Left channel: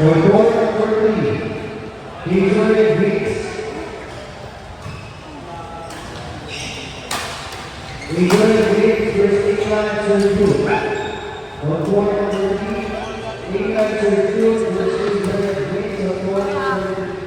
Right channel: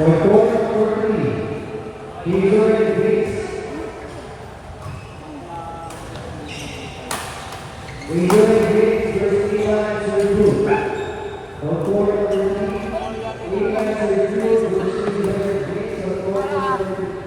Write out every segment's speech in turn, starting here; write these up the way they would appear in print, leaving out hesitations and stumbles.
For goal number 3, Hazelwood Hicks. Hazelwood Hicks versus Ivan Sergio. For goal number 3, Ivan Sergio versus Hazelwood Hicks. For goal number 3.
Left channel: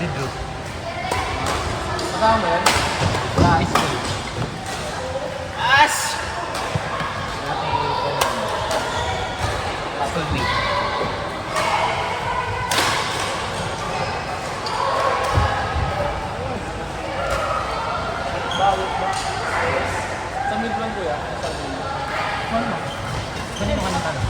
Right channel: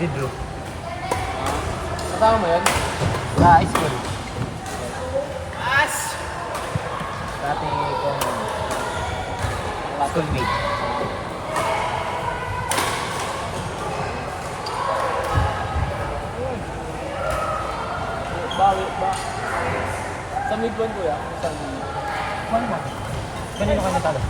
Sidro. Ramen. Ice cream. As! Schoolmate. Sa midlong ko yan. Kanino ka nagtalo?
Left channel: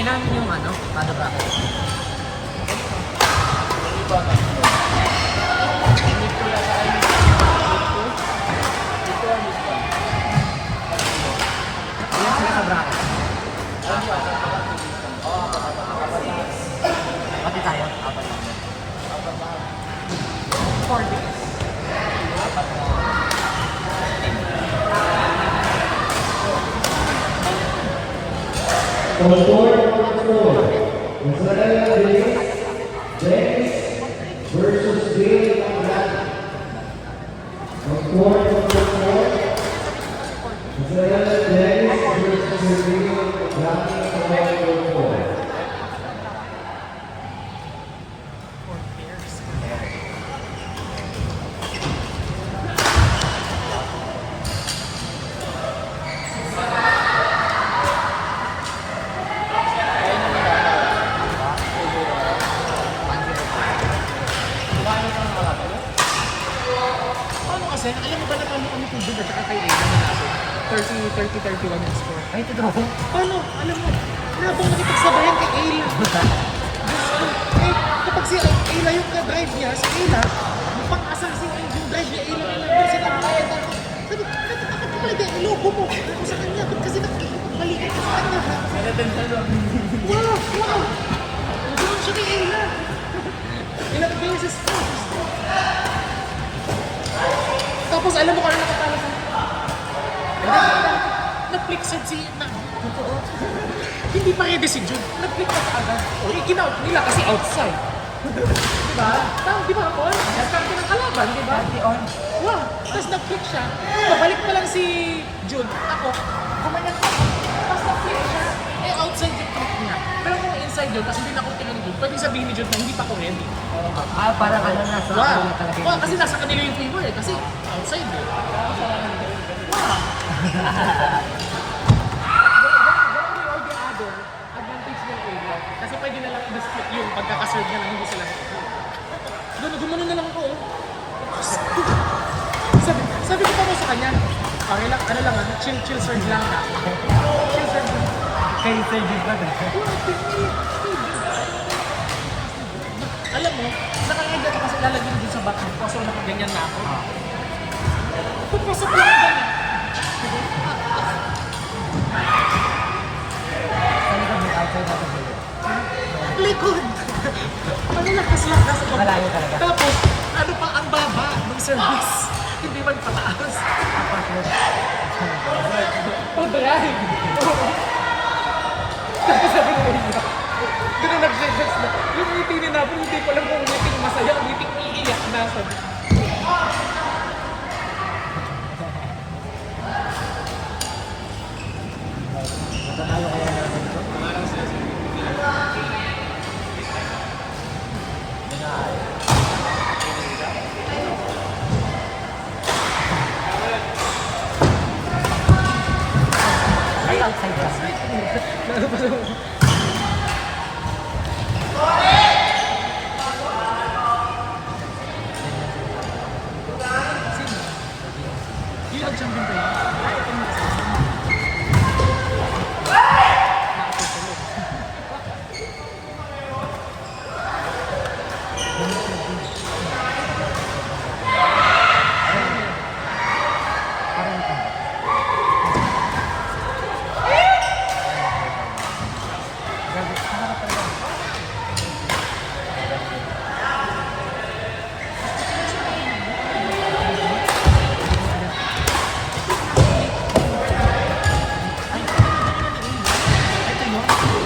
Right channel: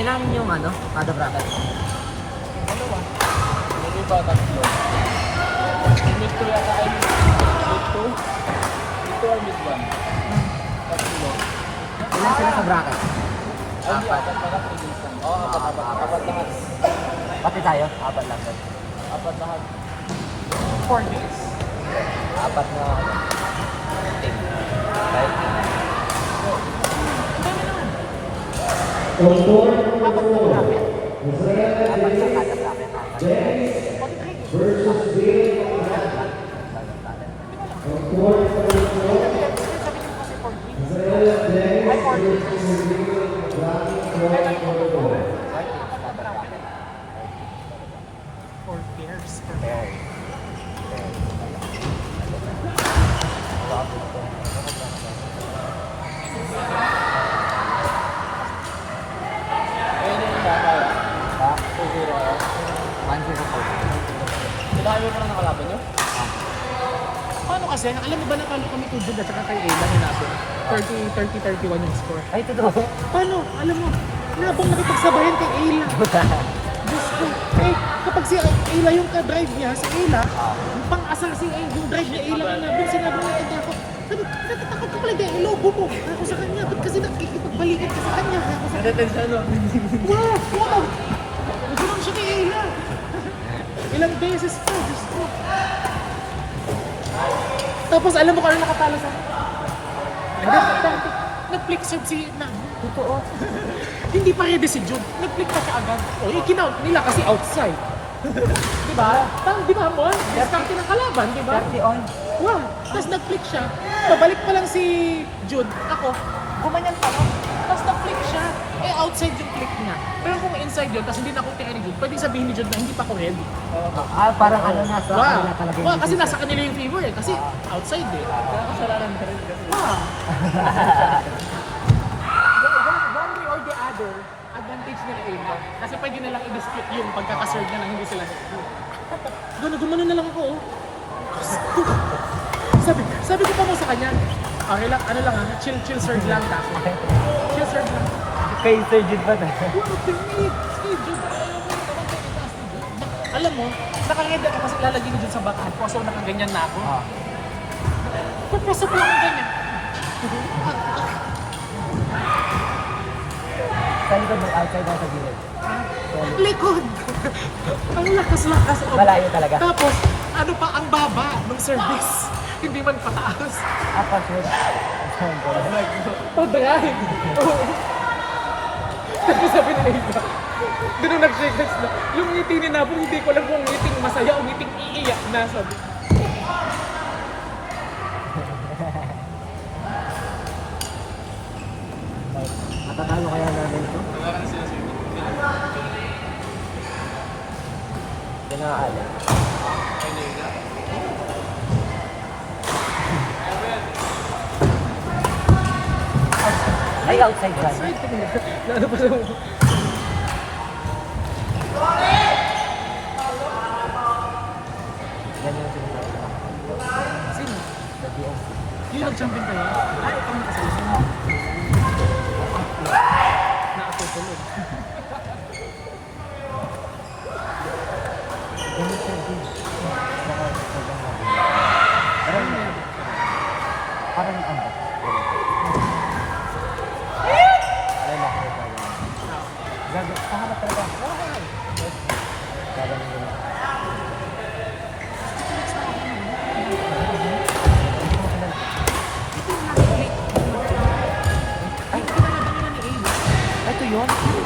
Ilan yung ano ka? Ilan sila sa bracket? Pati tayo? For goal number 4, Israel Dennis versus Dale Andrade. For goal number 4, Israel Dennis versus Dale Andrade. For goal number 4. Kasi, alam mo ba na paano kami kung at saka kay Amy? 30-31 yung score. Ay, totoo. Paano? Alam mo, wala pang nakikipagsabayan kay Ayla. Diyos ko, eh, kapag si Ayla yung ka-drive niya, si Ayla, yung pang-asal si Ayla, yung drive niya, Ayla yung yung sinabi ng kanta ko. Sabi, bakit talaga, ilogo mo ako sa kanya, doon kasi nakikipagpalikan ka sa kanya. Wow! Wow! Hindi mo siya kay Ayla. Ilang beses po, Diyos ko. Tapos alam mo kung ano nakatalo sa nag-flexed si na. Totoo. Hindi pa ready si Jude. Nag-flexed agad. O, ikinaw nila kasi outside. Diba? Tama, di ba? O, diskarte ng kalaban, diba? Wow. Tapos nag-flex siya. Pabalik pa lang si Jude. Ako, gumanyan ko. Tapos nag-flex siya. Eh, outside yung click niya. Pero kung inside yun, tapos hindi na ako tira ni Jude, pwede sabihin ni Jude na hindi pa ako ready. Ah, parang ano na sa kanila talaga. Wow. Kasi nasa kanila yung favor eh. Kasi outside eh. Advantage nila area. Kasi pwede na lang i-dispute yung pagkakaserve na lang hindi sila. Gumano na lang ako. Sabi ko pa mo sa kanya, okay lang, ano lang, chill serve lang. Chill serve. Kay Sir Jude ba? Alam mo, nakaheda ka kasi lalagyan din sa baka. Kaso ganyan na ako. Pupusok lang din. Sa likod ng outside ng Sir Jude. Likod! Ang lakas ako. Malayo talaga. Tapos, ano pa, ang baba ng service. Hindi man pataas. Apa sure. Pabayan! Sabi na rin niya. Ganun nag-flex mo. Yung meeting na natin, hindi ko alam kung meeting masaya o meeting iiyak na. Sabi. champion ko yun. Ito yun.